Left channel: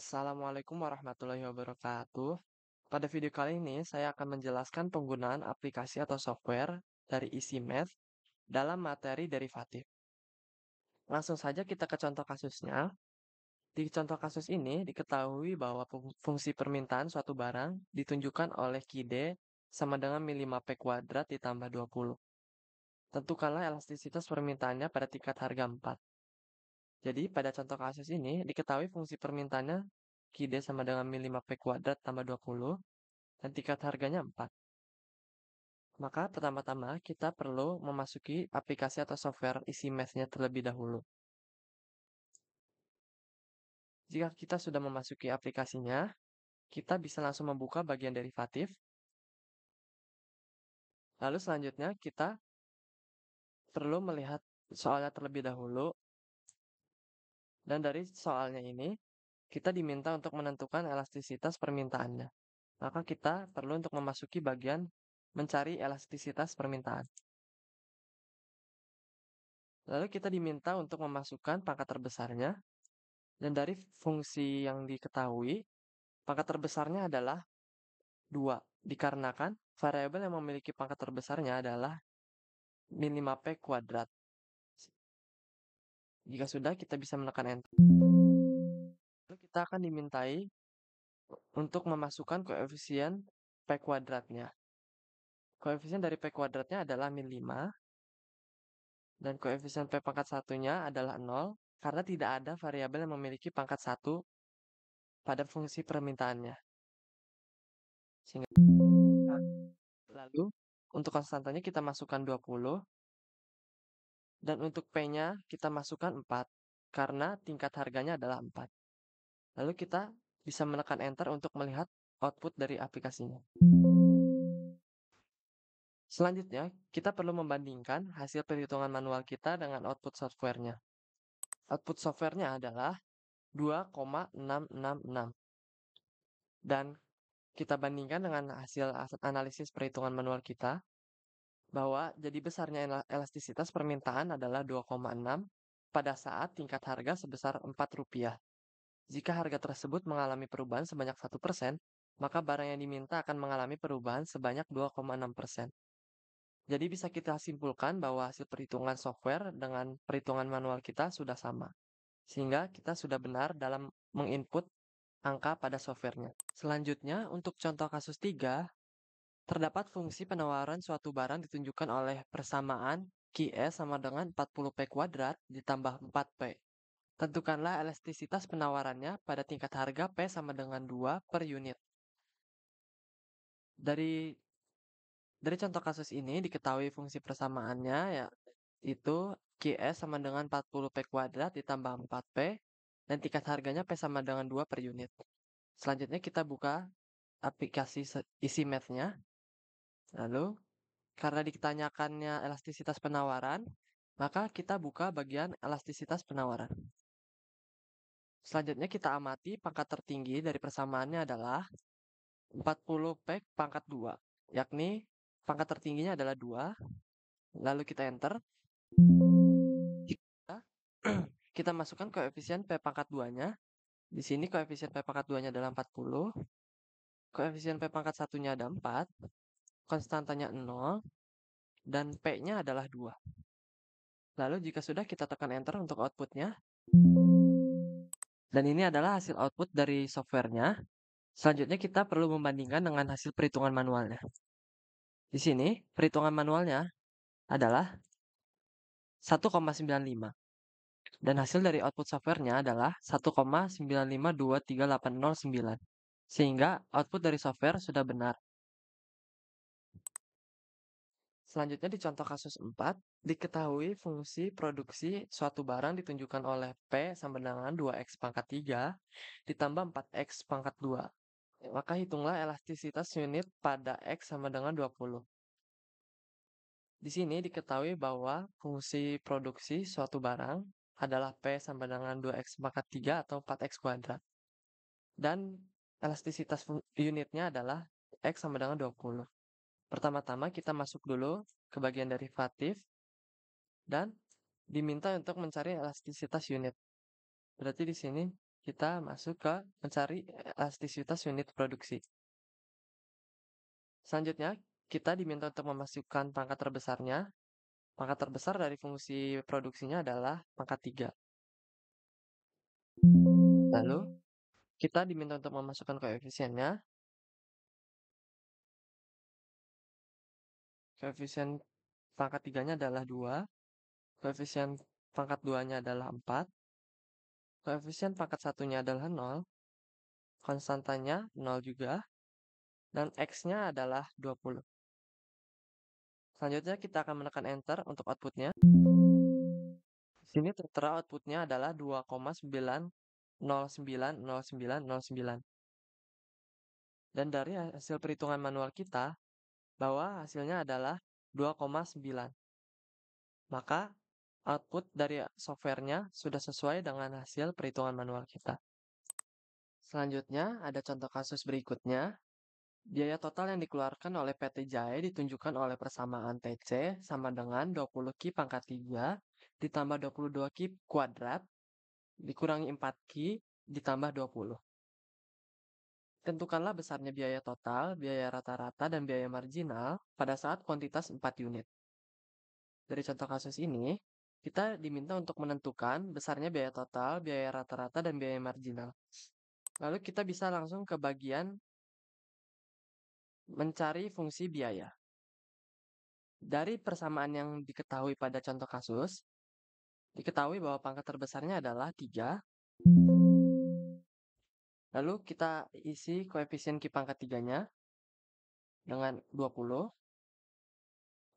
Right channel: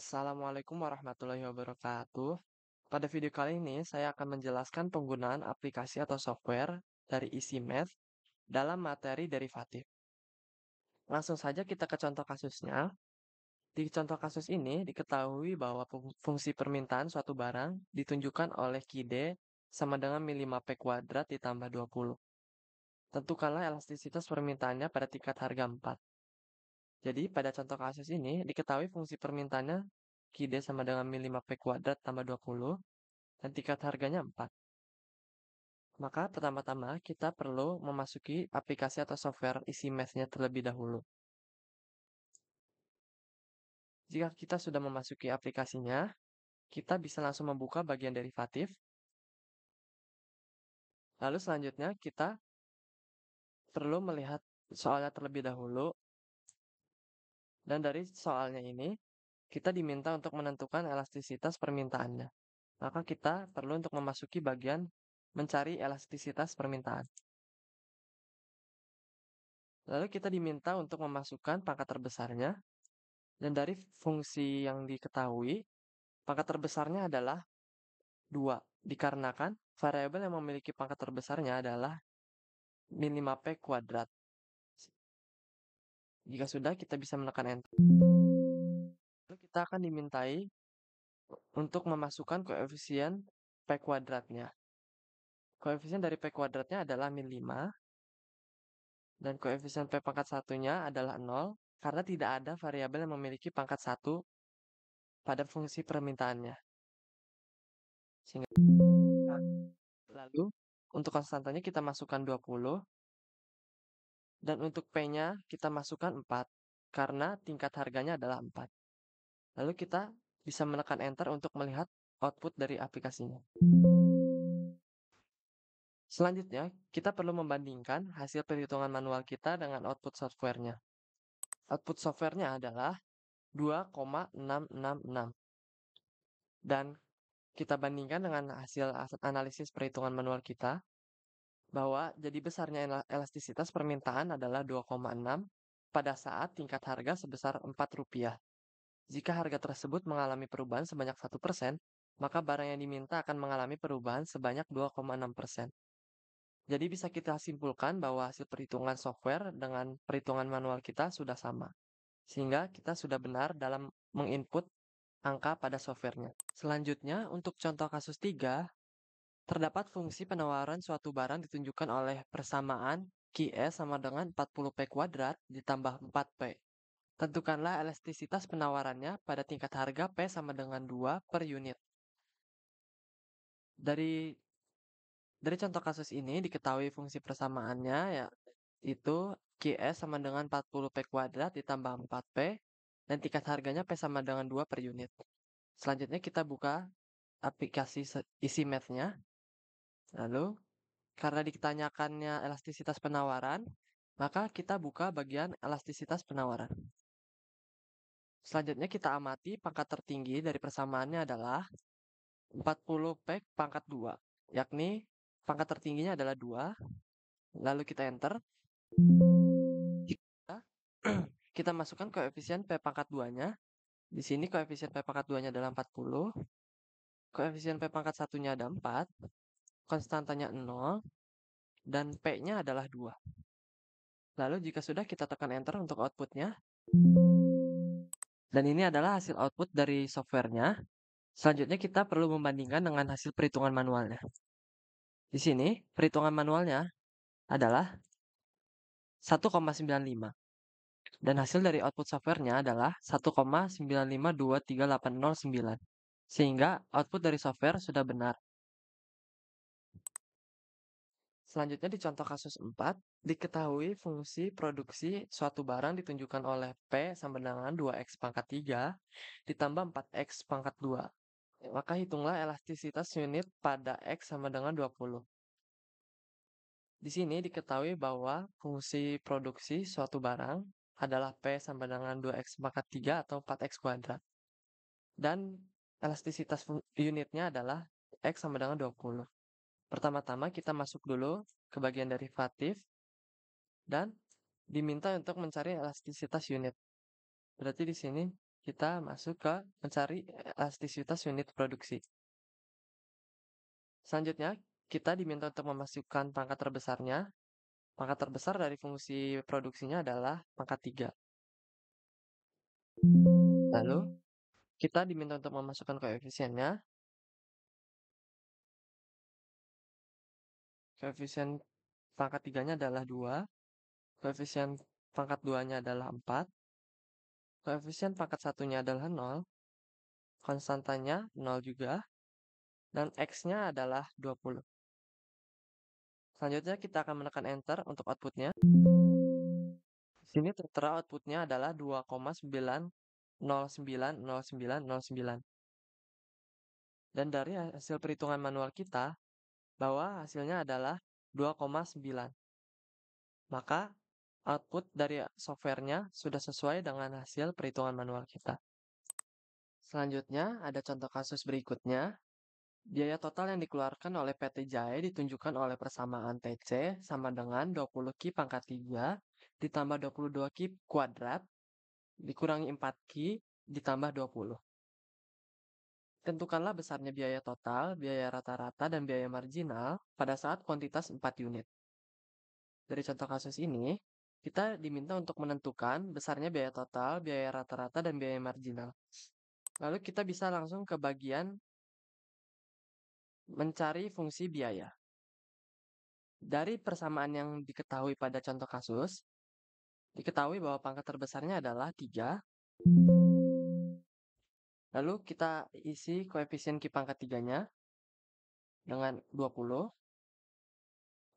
Assalamualaikum warahmatullahi wabarakatuh. Pada video kali ini, saya akan menjelaskan penggunaan aplikasi atau software dari isi Math dalam materi derivatif. Langsung saja kita ke contoh kasusnya. Di contoh kasus ini, diketahui bahwa fungsi permintaan suatu barang ditunjukkan oleh Q sama dengan mi 5P kuadrat ditambah 20. Tentukanlah elastisitas permintaannya pada tingkat harga 4. Jadi, pada contoh kasus ini, diketahui fungsi permintaannya Q sama dengan mi 5P kuadrat tambah 20, dan tingkat harganya 4. Maka pertama-tama kita perlu memasuki aplikasi atau software isi Math-nya terlebih dahulu. Jika kita sudah memasuki aplikasinya, kita bisa langsung membuka bagian derivatif. Lalu selanjutnya kita perlu melihat soalnya terlebih dahulu. Dan dari soalnya ini, kita diminta untuk menentukan elastisitas permintaannya. Maka kita perlu untuk memasuki bagian mencari elastisitas permintaan. Lalu kita diminta untuk memasukkan pangkat terbesarnya. Dan dari fungsi yang diketahui, pangkat terbesarnya adalah 2. Dikarenakan variabel yang memiliki pangkat terbesarnya adalah min 5P kuadrat. Jika sudah, kita bisa menekan Enter. Lalu kita akan dimintai untuk memasukkan koefisien P kuadratnya. Koefisien dari P kuadratnya adalah min 5. Dan koefisien P pangkat satunya adalah 0, karena tidak ada variabel yang memiliki pangkat 1 pada fungsi permintaannya. Sehingga lalu, untuk konstantanya kita masukkan 20. Dan untuk P-nya kita masukkan 4, karena tingkat harganya adalah 4. Lalu kita bisa menekan Enter untuk melihat output dari aplikasinya. Selanjutnya, kita perlu membandingkan hasil perhitungan manual kita dengan output software-nya. Output software-nya adalah 2,666. Dan kita bandingkan dengan hasil analisis perhitungan manual kita, bahwa jadi besarnya elastisitas permintaan adalah 2,6 pada saat tingkat harga sebesar Rp4. Jika harga tersebut mengalami perubahan sebanyak 1%, maka barang yang diminta akan mengalami perubahan sebanyak 2,6%. Jadi bisa kita simpulkan bahwa hasil perhitungan software dengan perhitungan manual kita sudah sama. Sehingga kita sudah benar dalam menginput angka pada softwarenya. Selanjutnya, untuk contoh kasus 3, terdapat fungsi penawaran suatu barang ditunjukkan oleh persamaan Qs sama dengan 40P kuadrat ditambah 4P. Tentukanlah elastisitas penawarannya pada tingkat harga P sama dengan 2 per unit. Dari contoh kasus ini diketahui fungsi persamaannya yaitu Qs sama dengan 40P kuadrat ditambah 4P dan tingkat harganya P sama dengan 2 per unit. Selanjutnya kita buka aplikasi isi Math-nya. Lalu karena ditanyakannya elastisitas penawaran, maka kita buka bagian elastisitas penawaran. Selanjutnya kita amati pangkat tertinggi dari persamaannya adalah 40P pangkat 2, yakni pangkat tertingginya adalah 2. Lalu kita enter. Kita masukkan koefisien P pangkat 2-nya. Di sini koefisien P pangkat 2-nya adalah 40. Koefisien P pangkat 1-nya ada 4. Konstantanya 0. Dan P-nya adalah 2. Lalu jika sudah, kita tekan enter untuk outputnya. Dan ini adalah hasil output dari softwarenya. Selanjutnya kita perlu membandingkan dengan hasil perhitungan manualnya. Di sini perhitungan manualnya adalah 1,95. Dan hasil dari output softwarenya adalah 1,9523809. Sehingga output dari software sudah benar. Selanjutnya di contoh kasus 4, diketahui fungsi produksi suatu barang ditunjukkan oleh P sama dengan 2X pangkat 3 ditambah 4X pangkat 2. Maka hitunglah elastisitas unit pada X sama dengan 20. Di sini diketahui bahwa fungsi produksi suatu barang adalah P sama dengan 2X pangkat 3 atau 4X kuadrat. Dan elastisitas unitnya adalah X sama dengan 20. Pertama-tama kita masuk dulu ke bagian derivatif dan diminta untuk mencari elastisitas unit. Berarti di sini kita masuk ke mencari elastisitas unit produksi. Selanjutnya, kita diminta untuk memasukkan pangkat terbesarnya. Pangkat terbesar dari fungsi produksinya adalah pangkat 3. Lalu, kita diminta untuk memasukkan koefisiennya. Koefisien pangkat 3-nya adalah 2. Koefisien pangkat 2-nya adalah 4. Koefisien pangkat 1-nya adalah 0. Konstantanya 0 juga. Dan X-nya adalah 20. Selanjutnya kita akan menekan enter untuk outputnya. Di sini tertera outputnya adalah 2,9090909. Dan dari hasil perhitungan manual kita, bahwa hasilnya adalah 2,9. Maka output dari softwarenya sudah sesuai dengan hasil perhitungan manual kita. Selanjutnya ada contoh kasus berikutnya. Biaya total yang dikeluarkan oleh PT Jaya ditunjukkan oleh persamaan TC sama dengan 20 Ki pangkat 3 ditambah 22 Ki kuadrat dikurangi 4 Ki ditambah 20. Tentukanlah besarnya biaya total, biaya rata-rata, dan biaya marginal pada saat kuantitas 4 unit. Dari contoh kasus ini, kita diminta untuk menentukan besarnya biaya total, biaya rata-rata, dan biaya marginal. Lalu kita bisa langsung ke bagian mencari fungsi biaya. Dari persamaan yang diketahui pada contoh kasus, diketahui bahwa pangkat terbesarnya adalah 3. Lalu kita isi koefisien Ki pangkat 3-nya dengan 20.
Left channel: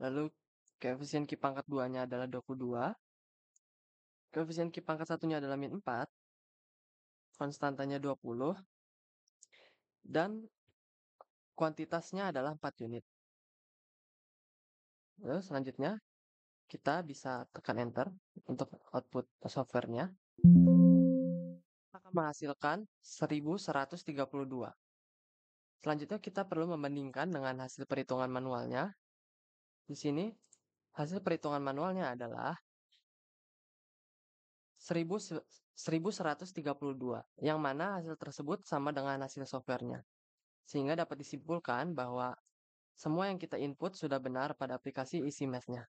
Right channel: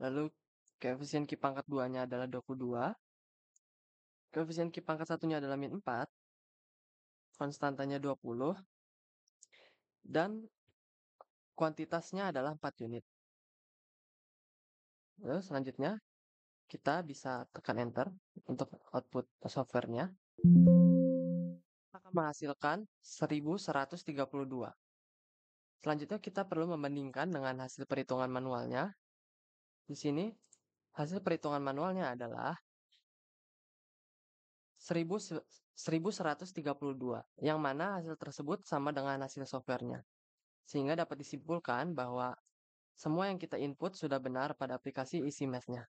Lalu koefisien Ki pangkat 2-nya adalah 22. Koefisien Ki pangkat 1-nya adalah min 4. Konstantanya 20. Dan kuantitasnya adalah 4 unit. Lalu selanjutnya kita bisa tekan enter untuk output softwarenya. Akan menghasilkan 1132. Selanjutnya kita perlu membandingkan dengan hasil perhitungan manualnya. Di sini hasil perhitungan manualnya adalah 1132, yang mana hasil tersebut sama dengan hasil softwarenya. Sehingga dapat disimpulkan bahwa semua yang kita input sudah benar pada aplikasi isi math-nya.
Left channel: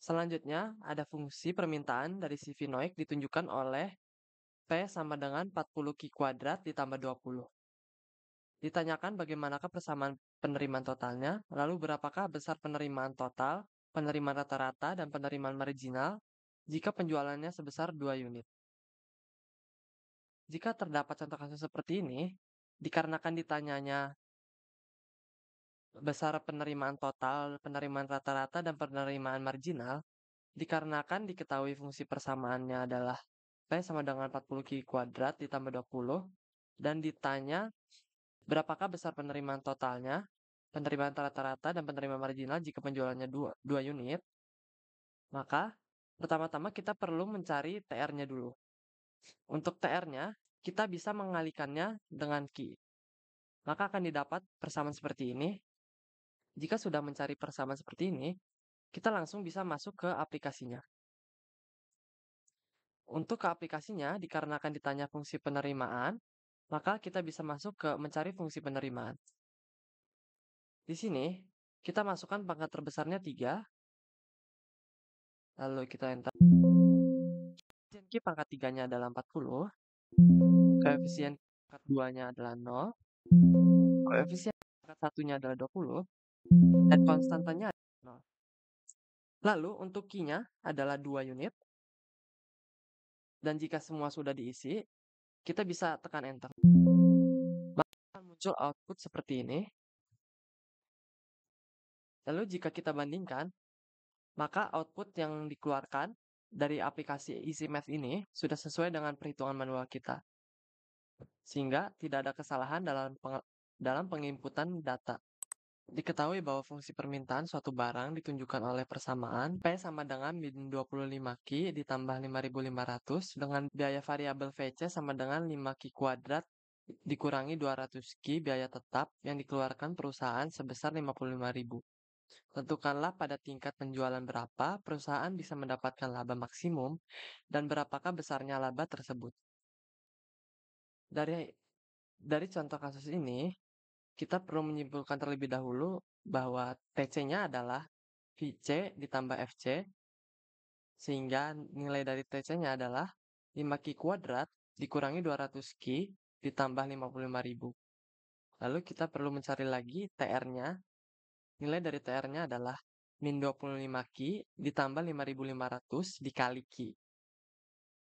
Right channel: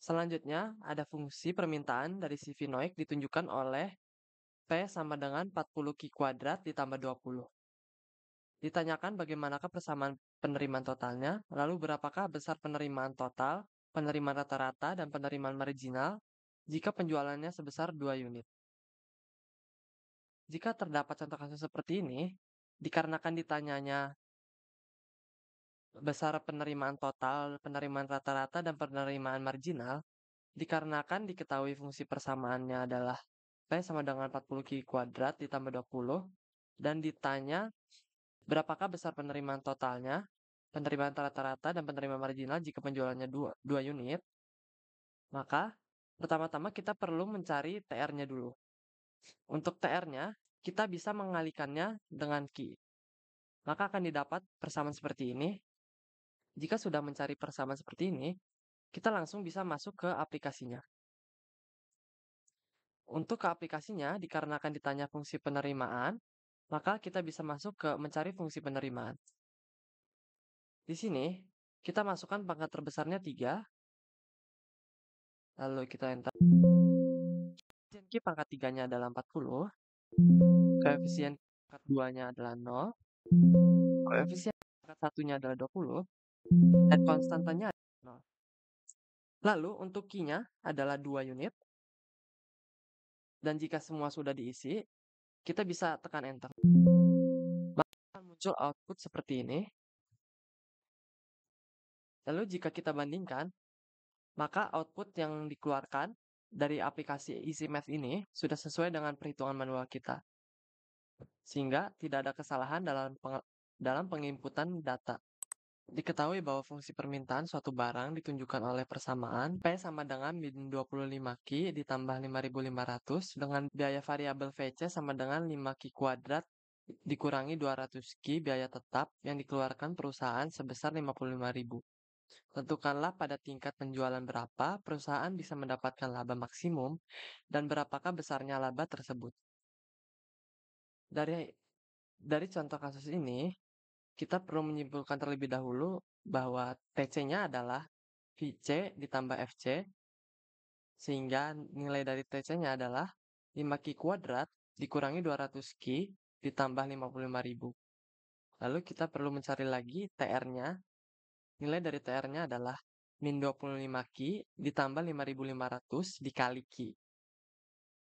Selanjutnya, ada fungsi permintaan dari si Vinoik ditunjukkan oleh P sama dengan 40 Ki kuadrat ditambah 20. Ditanyakan bagaimanakah persamaan penerimaan totalnya, lalu berapakah besar penerimaan total, penerimaan rata-rata, dan penerimaan marginal jika penjualannya sebesar 2 unit. Jika terdapat contoh kasus seperti ini, dikarenakan ditanyanya besar penerimaan total, penerimaan rata-rata, dan penerimaan marginal, dikarenakan diketahui fungsi persamaannya adalah P sama dengan 40 Ki kuadrat ditambah 20, dan ditanya berapakah besar penerimaan totalnya, penerimaan rata-rata, dan penerimaan marginal jika penjualannya 2 unit, maka pertama-tama kita perlu mencari TR-nya dulu. Untuk TR-nya, kita bisa mengalikannya dengan Ki. Maka akan didapat persamaan seperti ini. Jika sudah mencari persamaan seperti ini, kita langsung bisa masuk ke aplikasinya. Untuk ke aplikasinya, dikarenakan ditanya fungsi penerimaan, maka kita bisa masuk ke mencari fungsi penerimaan. Di sini, kita masukkan pangkat terbesarnya 3, lalu kita enter. Koefisien Q pangkat 3-nya adalah 40, koefisien pangkat 2-nya adalah 0, koefisien pangkat 1-nya adalah 20, dan konstantanya adalah 0. Lalu untuk Q-nya adalah 2 unit, dan jika semua sudah diisi, kita bisa tekan enter. Maka akan muncul output seperti ini. Lalu jika kita bandingkan, maka output yang dikeluarkan dari aplikasi EasyMath ini sudah sesuai dengan perhitungan manual kita. Sehingga tidak ada kesalahan dalam penginputan data. Diketahui bahwa fungsi permintaan suatu barang ditunjukkan oleh persamaan P sama dengan min 25 Ki ditambah 5.500 dengan biaya variabel VC sama dengan 5 Ki kuadrat dikurangi 200 Ki biaya tetap yang dikeluarkan perusahaan sebesar 55.000. Tentukanlah pada tingkat penjualan berapa perusahaan bisa mendapatkan laba maksimum dan berapakah besarnya laba tersebut. Dari dari contoh kasus ini, kita perlu menyimpulkan terlebih dahulu bahwa TC-nya adalah VC ditambah FC, sehingga nilai dari TC-nya adalah 5Q kuadrat dikurangi 200Q ditambah 55.000. Lalu kita perlu mencari lagi TR-nya. Nilai dari TR-nya adalah min 25Q ditambah 5.500 dikali Q.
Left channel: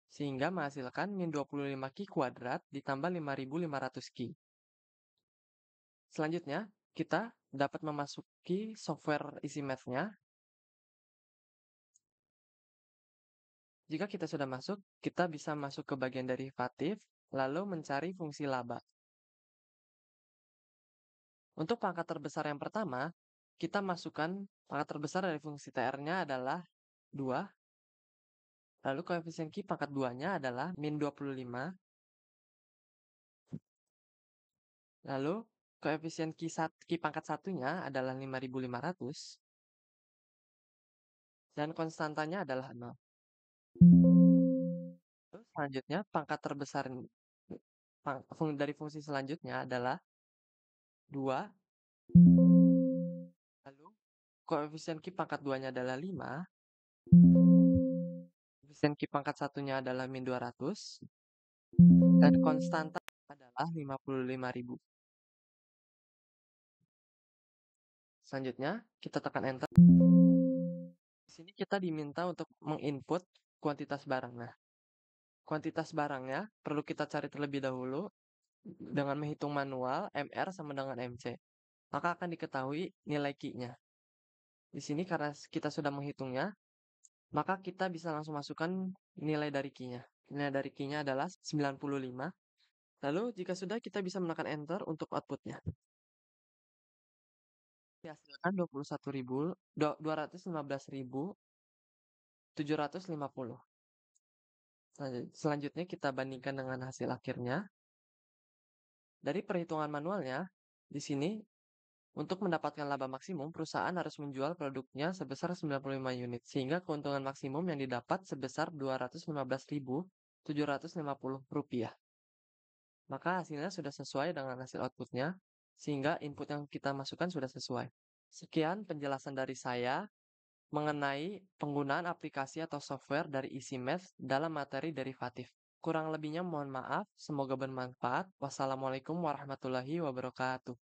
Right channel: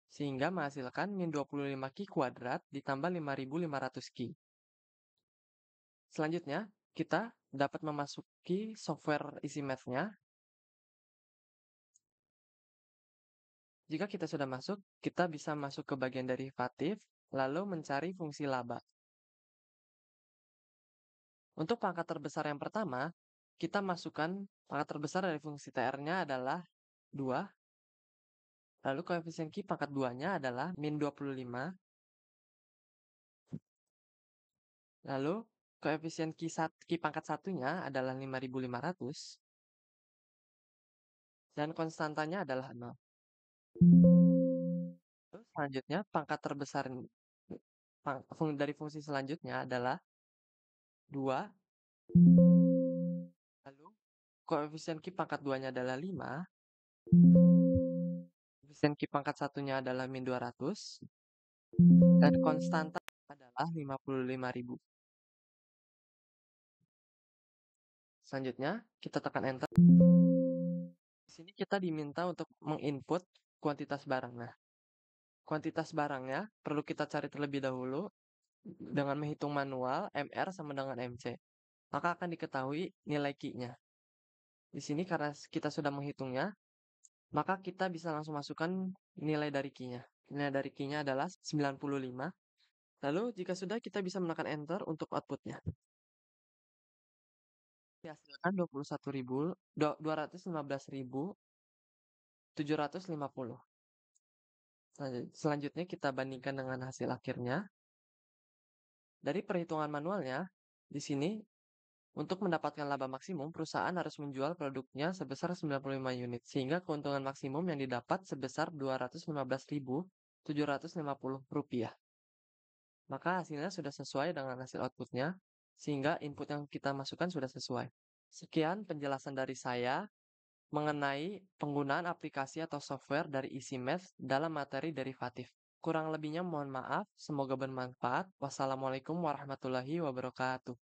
Sehingga menghasilkan min 25Q kuadrat ditambah 5.500Q. Selanjutnya, kita dapat memasuki software isi math-nya. Jika kita sudah masuk, kita bisa masuk ke bagian derivatif, lalu mencari fungsi laba. Untuk pangkat terbesar yang pertama, kita masukkan pangkat terbesar dari fungsi TR-nya adalah 2, lalu koefisien Q pangkat 2-nya adalah min 25, lalu koefisien Q pangkat 1-nya adalah 5.500, dan konstantanya adalah 0. Terus selanjutnya, pangkat terbesar dari fungsi selanjutnya adalah 2, lalu koefisien Q pangkat 2-nya adalah 5, koefisien Q pangkat 1-nya adalah min 200, dan konstanta adalah 55.000. Selanjutnya, kita tekan enter. Di sini kita diminta untuk menginput kuantitas barang. Nah, kuantitas barangnya perlu kita cari terlebih dahulu dengan menghitung manual MR sama dengan MC. Maka akan diketahui nilai Q-nya. Di sini karena kita sudah menghitungnya, maka kita bisa langsung masukkan nilai dari Q-nya. Nilai dari Q-nya adalah 95. Lalu jika sudah, kita bisa menekan enter untuk outputnya. Dihasilkan 215.750. Selanjutnya kita bandingkan dengan hasil akhirnya. Dari perhitungan manualnya, di sini untuk mendapatkan laba maksimum, perusahaan harus menjual produknya sebesar 95 unit, sehingga keuntungan maksimum yang didapat sebesar Rp215.750. Maka hasilnya sudah sesuai dengan hasil outputnya, sehingga input yang kita masukkan sudah sesuai. Sekian penjelasan dari saya mengenai penggunaan aplikasi atau software dari EasyMath dalam materi derivatif. Kurang lebihnya mohon maaf, semoga bermanfaat. Wassalamualaikum warahmatullahi wabarakatuh.